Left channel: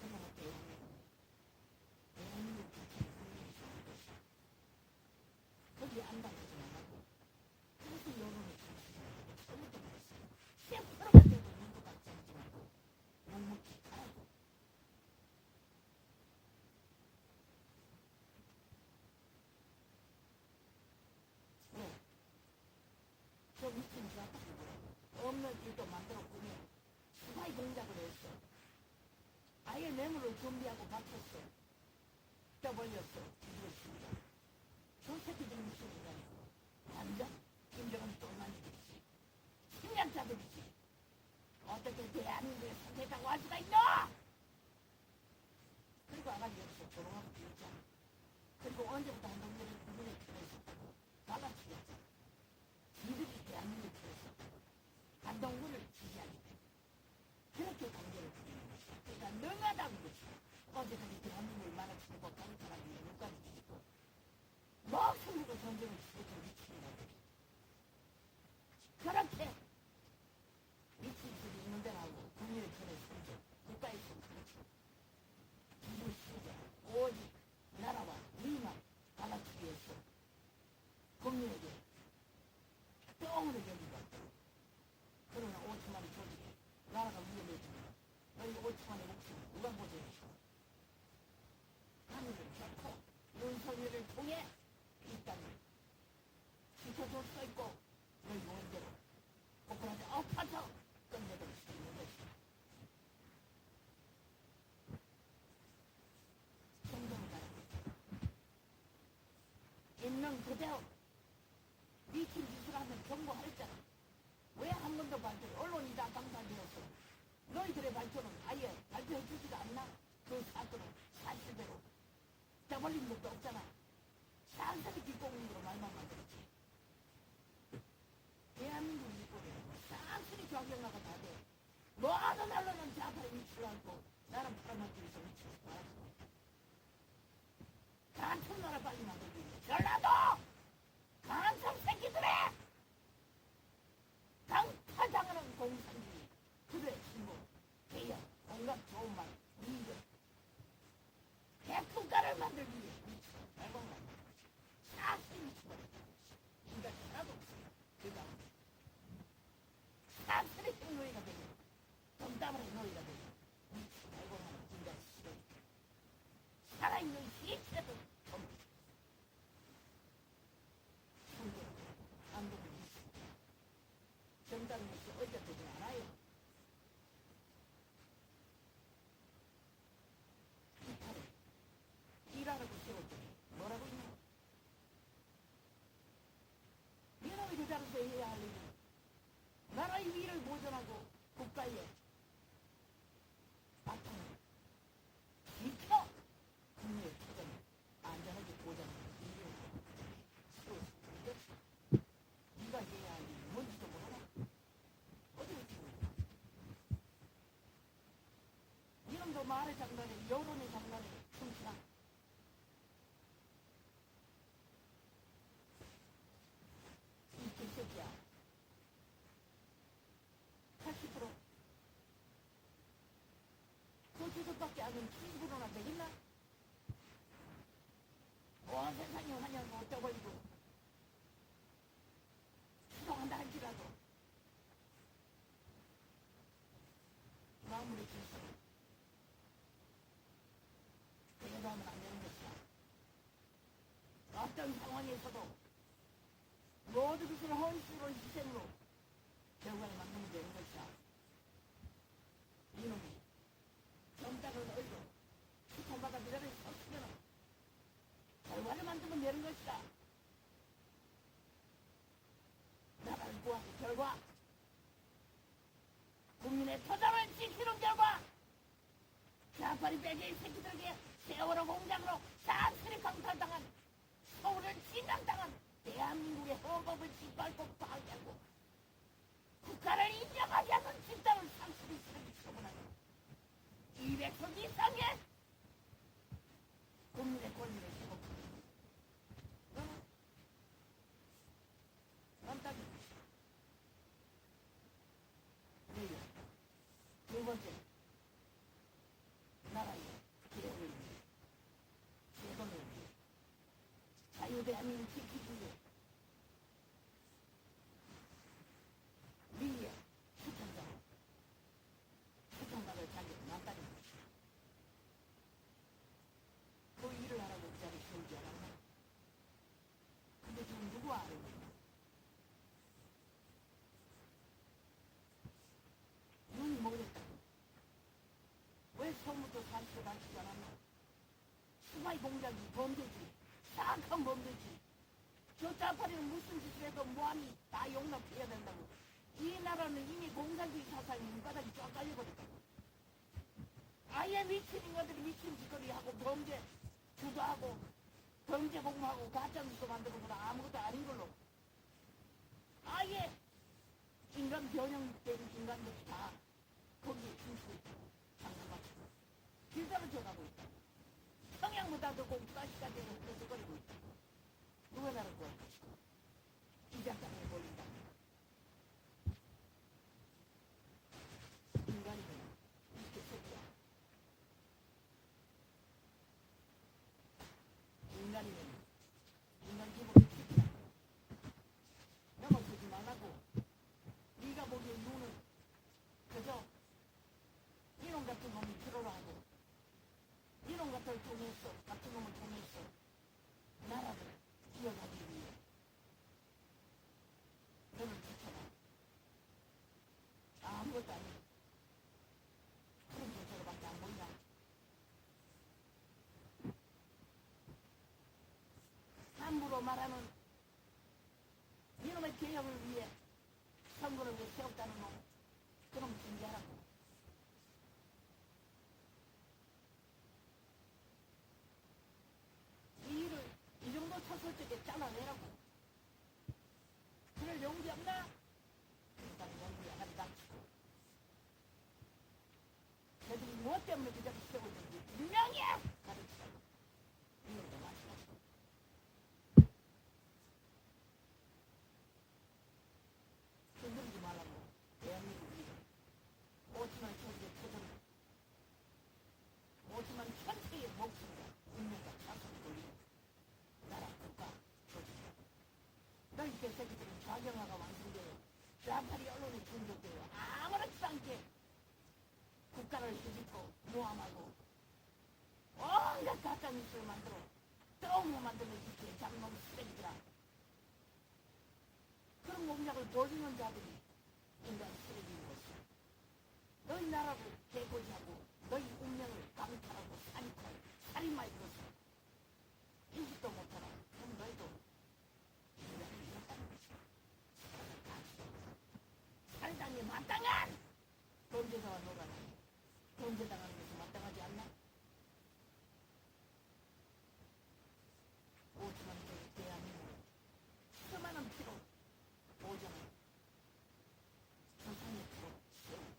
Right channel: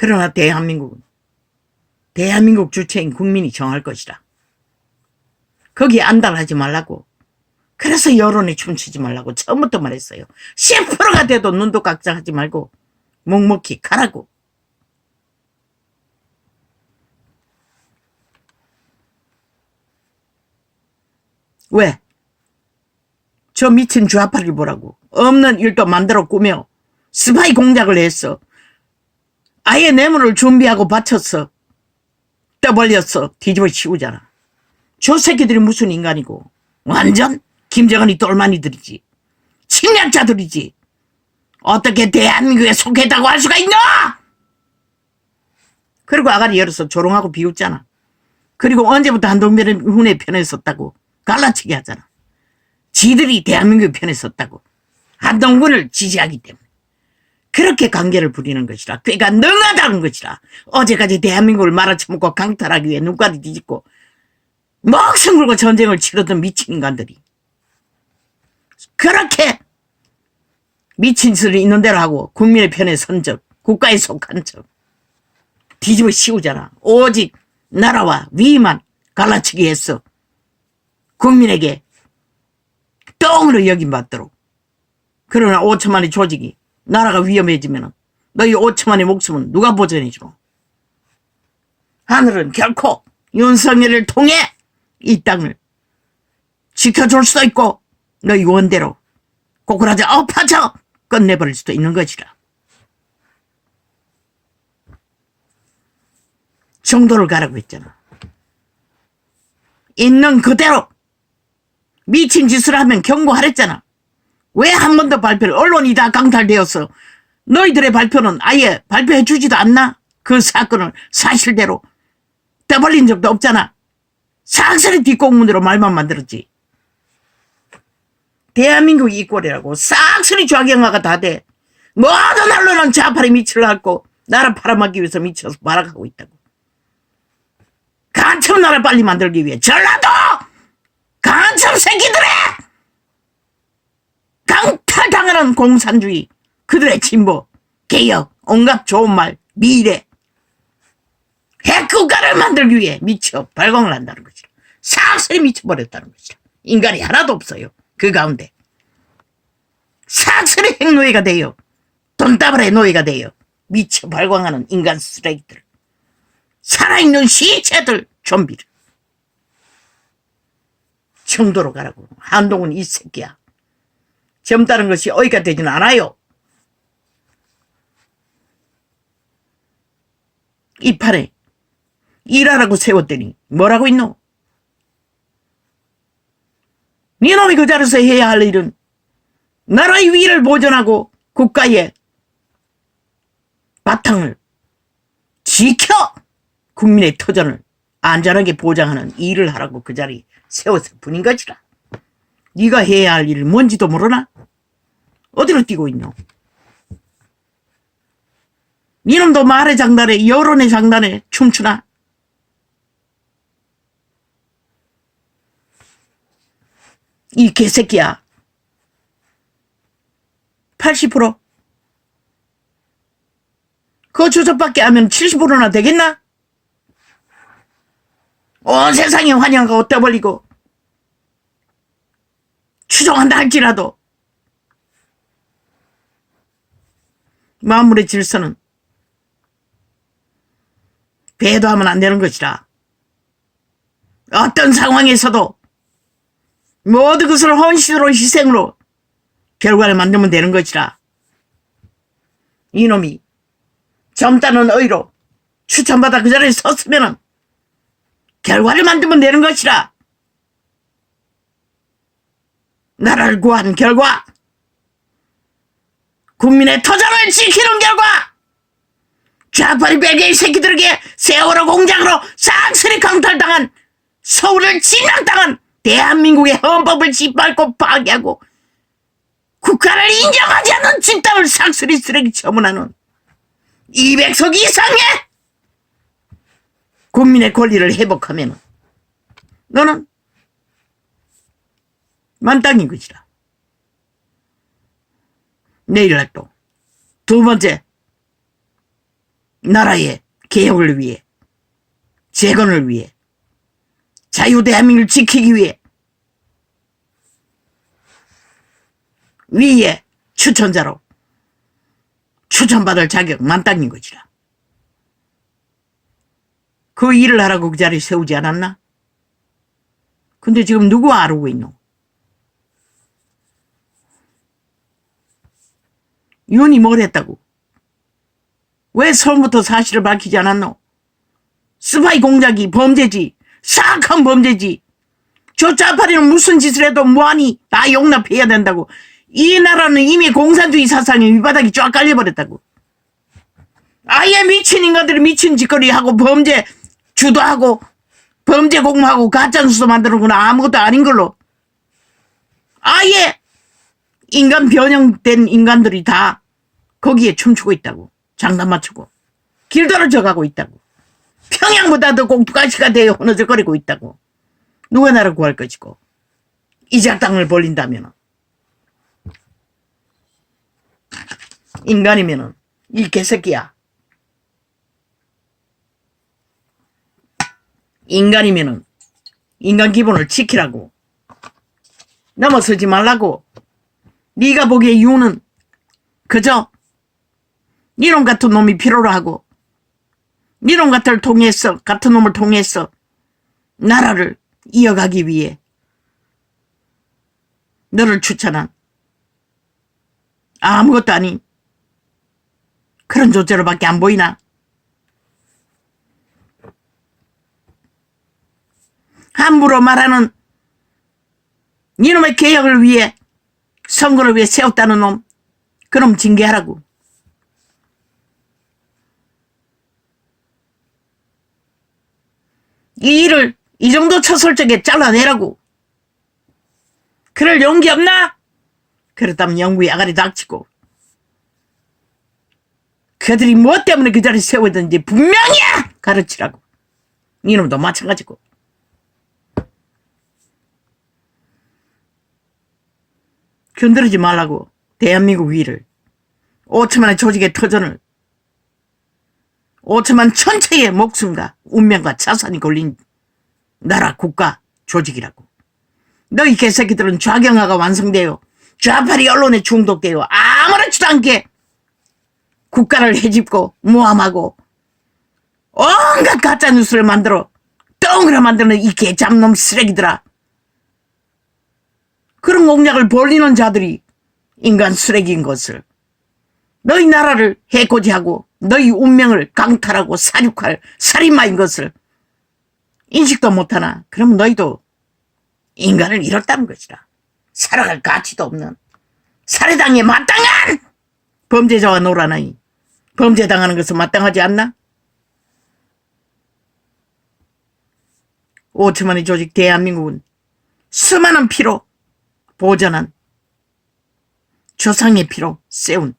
그러나 대한민국은 대한민국 주체인 국민이 정할 것이다. 거기에 안달하지 말라고. 그래서 여론에 춤추지 말라고 처음부터 말했어요. 10%가 돼도 눈도 깍짝하지 말고 묵묵히 가라고. 왜? 저 미친 좌파를 보라고. 없는 일도 만들어 꾸며 스파이 공작을 했어. 아예 뇌물을 준비하고 바쳤어. 떠벌렸어. 뒤집어 씌우잖아. 저 새끼들이 무슨 인간이고. 완전 김정은이 똘마니들이지. 침략자들이지. 어떻게 대한민국에 속했다고 할 수가 있나? 그리고 아가리 열어서 조롱하고 비웃잖아. 그리고 언제부터 한동훈의 편에 섰다고 갈라치기 하잖아. 지들이 대한민국의 편에 섰다고. 한동훈을 지지하기 때문에. 그렇게 관계를 부리는 것이라. 꾀가 능하다는 것이라. 어제까지 대한민국을 말아쳐먹고 강탈하기 위해 눈까지 뒤집고 목숨 걸고 전쟁을 치르던 미친 인간들이 그렇게 미친 짓을 있는 대로 하고 국민의 편에 선 적, 국가에 속한 적 뒤집어 씌우잖아. 오직 나라와 위만 갈라치기 했어. 국민에게 똥으로 여김받도록. 그러나 5천만의 조직이 나라가 위험해지면 너희 5천만의 목숨은 누가 보전해주노? 하늘은 결코 윤석열을 통해 이 땅을 지켜줄 수도 있고 너희 원대로 고꾸라져 엎어져 끝내버릴 수도 있는 것이라. 정도를 가라고 했잖아. 있는 그대로 미친 짓을 하면 경고하랬잖아. 왜 한 번도 발표를, 언론이 다 강탈되었어. 너희들의 발표는 아예 발표해 주지도 않나? 그 사건을 사실대로 떠벌린 적도 없잖아. 싹쓸이 뒷공문으로 말만 만들었지. 대한민국 이꼴이라고 싹쓸이 좌경화가 다 돼. 모든 언론은 좌파를 미치려 하고 나라 팔아먹기 위해서 미쳐서 발악하고 있다고. 간첩 나라 빨리 만들기 위해 전라도 간첩 새끼들의 강탈당하는 공산주의, 그들의 진보, 개혁, 온갖 좋은 말, 미래, 핵국가를 만들기 위해 미쳐 발광을 한다는 것이다. 싹쓸이 미쳐버렸다는 것이다. 인간이 하나도 없어요. 그 가운데 싹쓸이 핵노예가 돼요. 돈다발의 노예가 돼요. 미쳐 발광하는 인간 쓰레기들, 살아있는 시체들, 좀비를. 청도로 가라고. 한동훈 이 새끼야. 젊다는 것이 어이가 되지는 않아요. 이 판에 일하라고 세웠더니 뭐라고 있노? 니놈이 그 자리에서 해야 할 일은 나라의 위를 보존하고 국가의 바탕을 지켜 국민의 터전을 안전하게 보장하는 일을 하라고 그 자리 세웠을 뿐인 것이라. 네가 해야 할 일이 뭔지도 모르나? 어디로 뛰고 있노? 니놈도 말의 장단에, 여론의 장단에 춤추나? 이 개새끼야. 80%? 그 주접밖에 하면 70%나 되겠나? 온 세상에 환영하고 떠벌리고 추종한다 할지라도 만물의 질서는 배도하면 안 되는 것이라. 어떤 상황에서도 모든 것을 헌신으로 희생으로 결과를 만들면 되는 것이라. 이놈이 젊다는 의로 추천받아 그 자리에 섰으면 결과를 만들면 되는 것이라. 나라를 구한 결과, 국민의 터전을 지키는 결과, 좌파리 베개의 새끼들에게 세월호 공작으로 싹쓸이 강탈당한, 서울을 침략당한 대한민국의 헌법을 짓밟고 파괴하고 국가를 인정하지 않는 집단을 싹쓸이 쓰레기 처분하는 200석 이상의 국민의 권리를 회복하면 너는 만땅인 것이라. 내일날 또 두 번째 나라의 개혁을 위해, 재건을 위해, 자유 대한민국을 지키기 위해 위에 추천자로 추천받을 자격 만땅인 것이라. 그 일을 하라고 그 자리에 세우지 않았나? 근데 지금 누구 아르고 있노? 윤이 뭘 했다고? 왜 처음부터 사실을 밝히지 않았노? 스파이 공작이 범죄지. 사악한 범죄지. 저 짜파리는 무슨 짓을 해도 뭐하니 다 용납해야 된다고. 이 나라는 이미 공산주의 사상에 밑바닥이 쫙 깔려버렸다고. 아예 미친 인간들이 미친 짓거리하고 범죄 주도하고 범죄 공모하고 가짜뉴스 만드는구나. 아무것도 아닌 걸로. 아예 인간 변형된 인간들이 다 거기에 춤추고 있다고. 장난 맞추고 길 떨어져 가고 있다고. 평양보다 더 꼭두가시가 되어 흐느적거리고 있다고. 누가 나를 구할 것이고. 이 작당을 벌린다면 인간이면은 이 개새끼야. 인간이면은 인간 기본을 지키라고. 넘어서지 말라고. 네가 보기에 유는 그저 니놈 같은 놈이 필요로 하고 니놈 같은 놈을 통해서 나라를 이어가기 위해 너를 추천한 아무것도 아닌 그런 존재로밖에 안 보이나? 함부로 말하는 니놈의 개혁을 위해 선거를 위해 세웠다는 놈, 그놈 징계하라고. 이 일을 이 정도 처설적에 잘라내라고. 그럴 용기 없나? 그렇다면 영구히 아가리 닥치고 그들이 무엇 때문에 그 자리에 세워졌는지 분명히 가르치라고. 이놈도 마찬가지고. 건드리지 말라고. 대한민국 위를 5천만의 조직의 터전을 5천만 천체의 목숨과 운명과 자산이 걸린 나라 국가 조직이라고. 너희 개새끼들은 좌경화가 완성되어 좌파리 언론에 중독되어 아무렇지도 않게 국가를 헤집고 모함하고 온갖 가짜뉴스를 만들어 덩그러 만드는 이 개잡놈 쓰레기들아. 그런 공약을 벌리는 자들이 인간 쓰레기인 것을, 너희 나라를 해코지하고 너희 운명을 강탈하고 사륙할 살인마인 것을 인식도 못하나? 그럼 너희도 인간을 잃었다는 것이라. 살아갈 가치도 없는 살해당에 마땅한 범죄자와 놀아나니 범죄당하는 것은 마땅하지 않나? 5천만의 조직 대한민국은 수많은 피로 보전한 조상의 피로 세운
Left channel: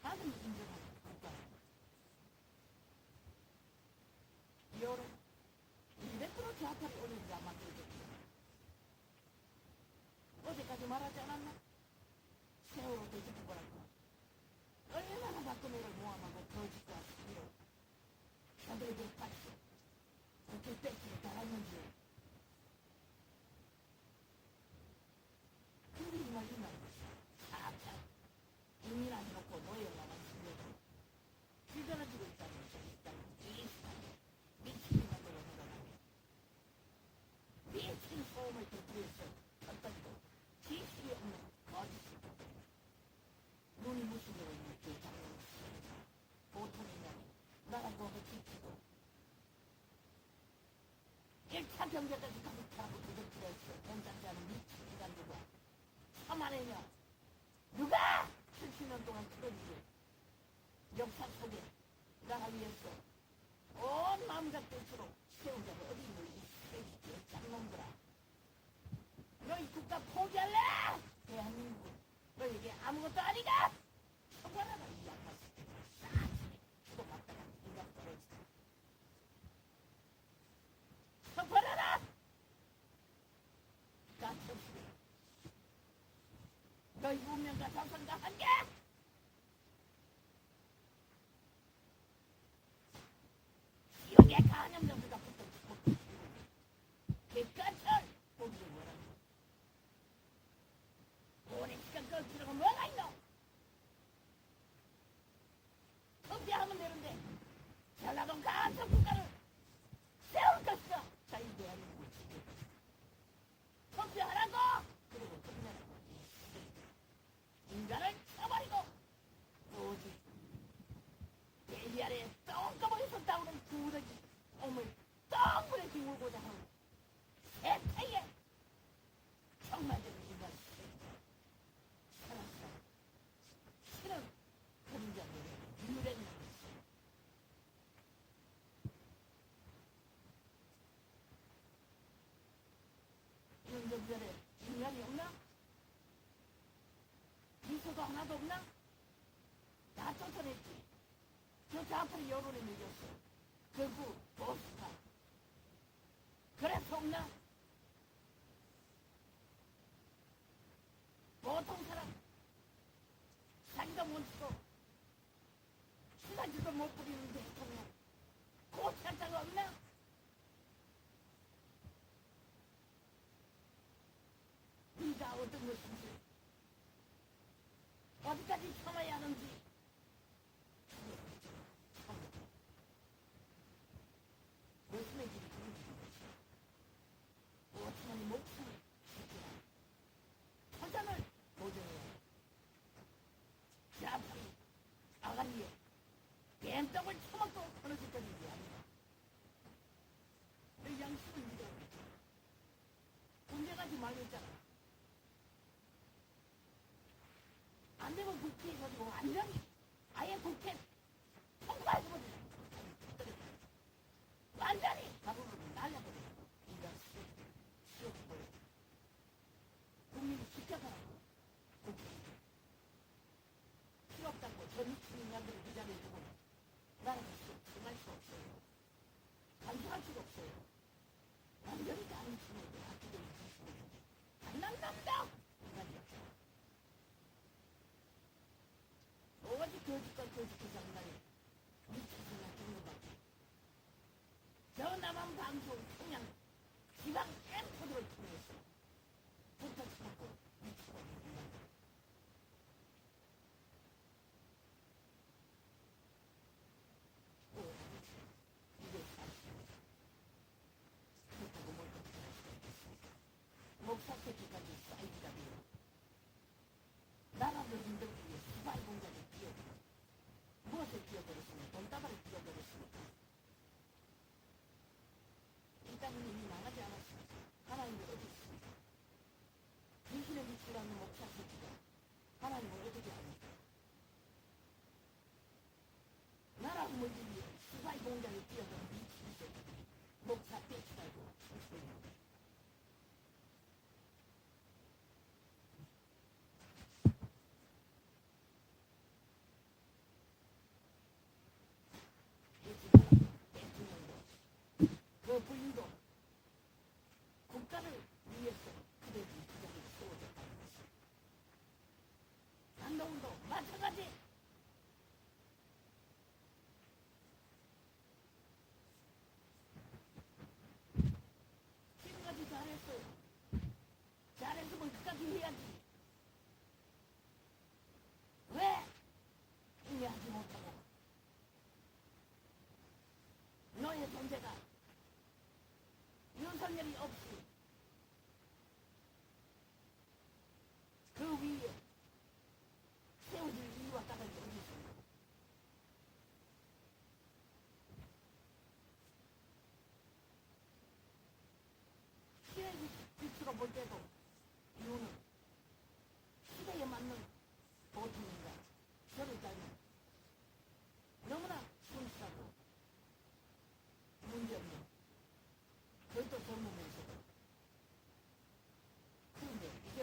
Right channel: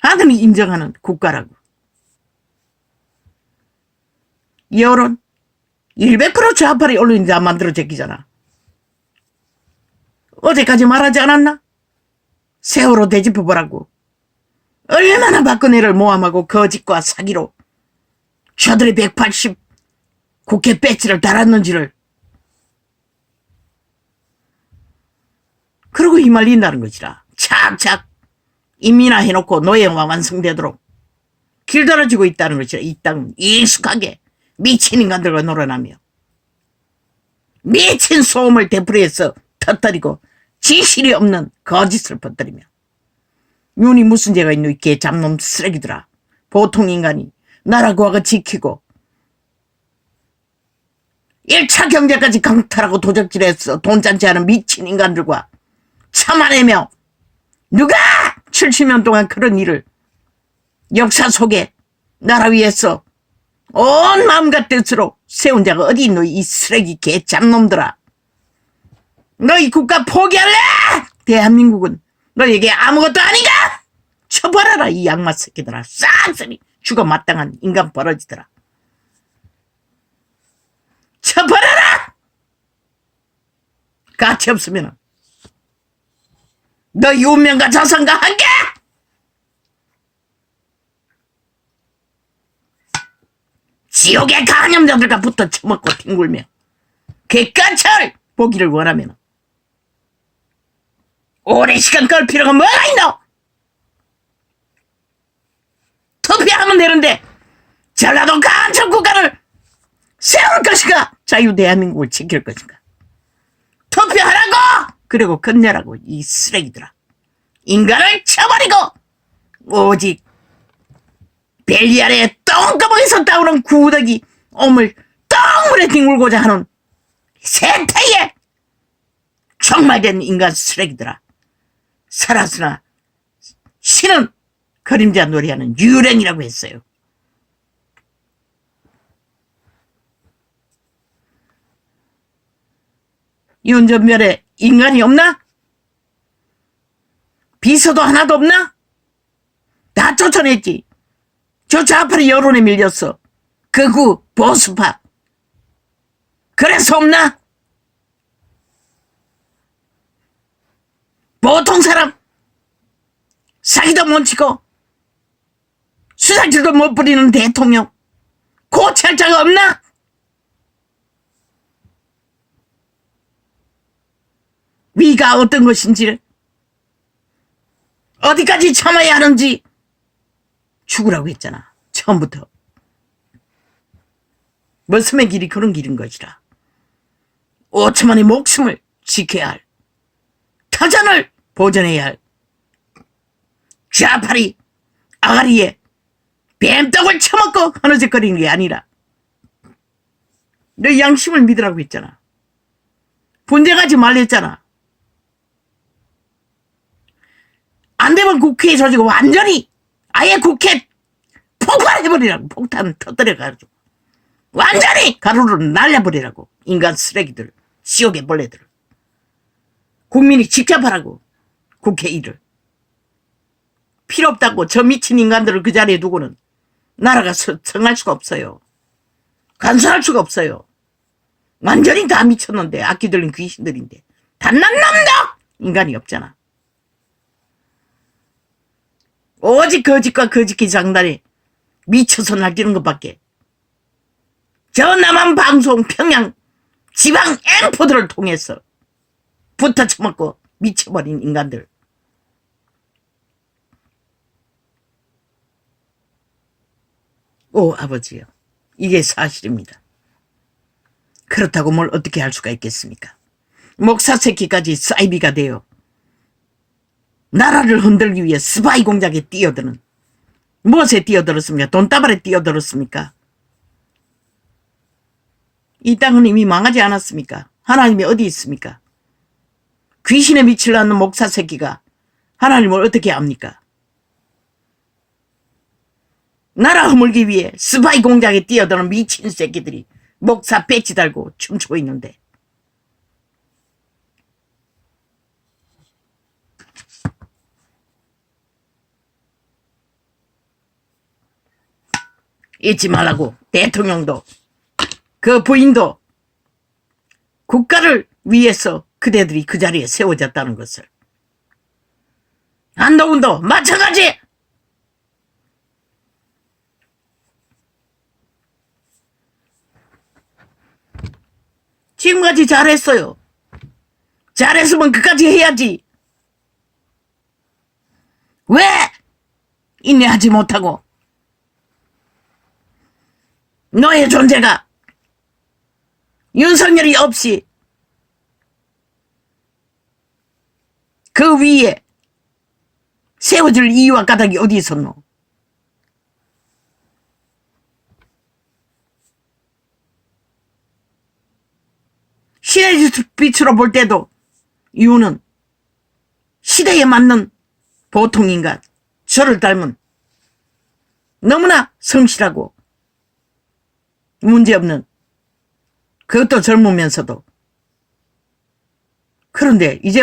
하늘이 인정하는 국가라고. 여론 100% 좌파리 언론이 다 만들어 제끼잖아. 어제까지 말하지 않았나? 세월호 되짚어보라고. 얼마나 박근혜를 모함하고 거짓과 사기로 저들의 180 국회 배지를 달았는지를. 그러고 휘말린다는 것이라. 착착 인민화해놓고 노예화 완성되도록 길들여지고 있다는 것이라. 이 땅은 익숙하게 미친 인간들과 놀아나며 미친 소음을 되풀이해서 터뜨리고 진실이 없는 거짓을 퍼뜨리며. 윤이 무슨 죄가 있노? 이 개잡놈 쓰레기들아. 보통 인간이 나라 구하고 지키고 1차 경제까지 강탈하고 도적질해서 돈잔치 하는 미친 인간들과 참아내며 누가 70년 동안 그런 일을 역사 속에 나라 위해서 온 마음과 뜻으로 세운 자가 어디 있노? 이 쓰레기 개잡놈들아. 너희 국가 포기할래? 대한민국은 너에게 아무것도 아닌가? 처벌하라 이 양마 새끼들아. 싹쓸이 죽어 마땅한 인간 버러지들아. 처벌하라. 가치 없으면 너희 운명과 자산과 함께 지옥의 간염자들과 붙어 처먹고 뒹굴며 객관철 보기를 원하면 오랜 시간 끌 필요가 뭐가 있노? 투표하면 되는데 전라도 간첩 국가를 세울 것인가? 자유 대한민국을 지킬 것인가? 투표하라고! 그리고 끝내라고, 이 쓰레기들아. 인간을 쳐버리고 오직 벨리 아래에 똥구멍에서 따오는 구더기 오물 똥물에 뒹굴고자 하는 세태의 종말된 인간 쓰레기들아. 살았으나 신은 그림자 놀이하는 유령이라고 했어요. 윤전멸에 인간이 없나? 비서도 하나도 없나? 다 쫓아냈지. 저 좌파리 여론에 밀렸어. 극우 보수파. 그래서 없나? 보통 사람 사기도 못 치고 수사질도 못 부리는 대통령 고찰 자가 없나? 위가 어떤 것인지를 어디까지 참아야 하는지 죽으라고 했잖아. 처음부터. 머슴의 길이 그런 길인 것이라. 5천만의 목숨을 지켜야 할, 터전을 보존해야 할 좌파리 아가리에 뱀떡을 처먹고 흐느적거리는 게 아니라 너 양심을 믿으라고 했잖아. 분쟁하지 말랬잖아. 안 되면 국회에 조지고 완전히 아예 국회 폭발해버리라고. 폭탄 터뜨려가지고 완전히 가루로 날려버리라고. 인간 쓰레기들, 지옥의 벌레들. 국민이 직접 하라고. 국회 일을. 필요 없다고 저 미친 인간들을 그 자리에 두고는 나라가 성할 수가 없어요. 간수할 수가 없어요. 완전히 다 미쳤는데, 악기 들린 귀신들인데 단난 놈도 인간이 없잖아. 오직 거짓과 거짓기 장단에 미쳐서 날뛰는 것밖에. 저 남한 방송 평양 지방 엠포들을 통해서 붙어 처먹고 미쳐버린 인간들. 오 아버지요, 이게 사실입니다. 그렇다고 뭘 어떻게 할 수가 있겠습니까? 목사 새끼까지 사이비가 되어 나라를 흔들기 위해 스파이 공작에 뛰어드는, 무엇에 뛰어들었습니까? 돈다발에 뛰어들었습니까? 이 땅은 이미 망하지 않았습니까? 하나님이 어디 있습니까? 귀신에 미치려 하는 목사 새끼가 하나님을 어떻게 압니까? 나라 허물기 위해 스파이 공작에 뛰어드는 미친 새끼들이 목사 배지 달고 춤추고 있는데, 잊지 말라고. 대통령도 그 부인도 국가를 위해서 그대들이 그 자리에 세워졌다는 것을. 한동훈도 마찬가지. 지금까지 잘했어요. 잘했으면 끝까지 해야지. 왜 인내하지 못하고 너의 존재가 윤석열이 없이 그 위에 세워줄 이유와 까닭이 어디 있었노? 시대의 빛으로 볼 때도 이유는 시대에 맞는 보통 인간, 저를 닮은 너무나 성실하고 문제없는, 그것도 젊으면서도. 그런데 이제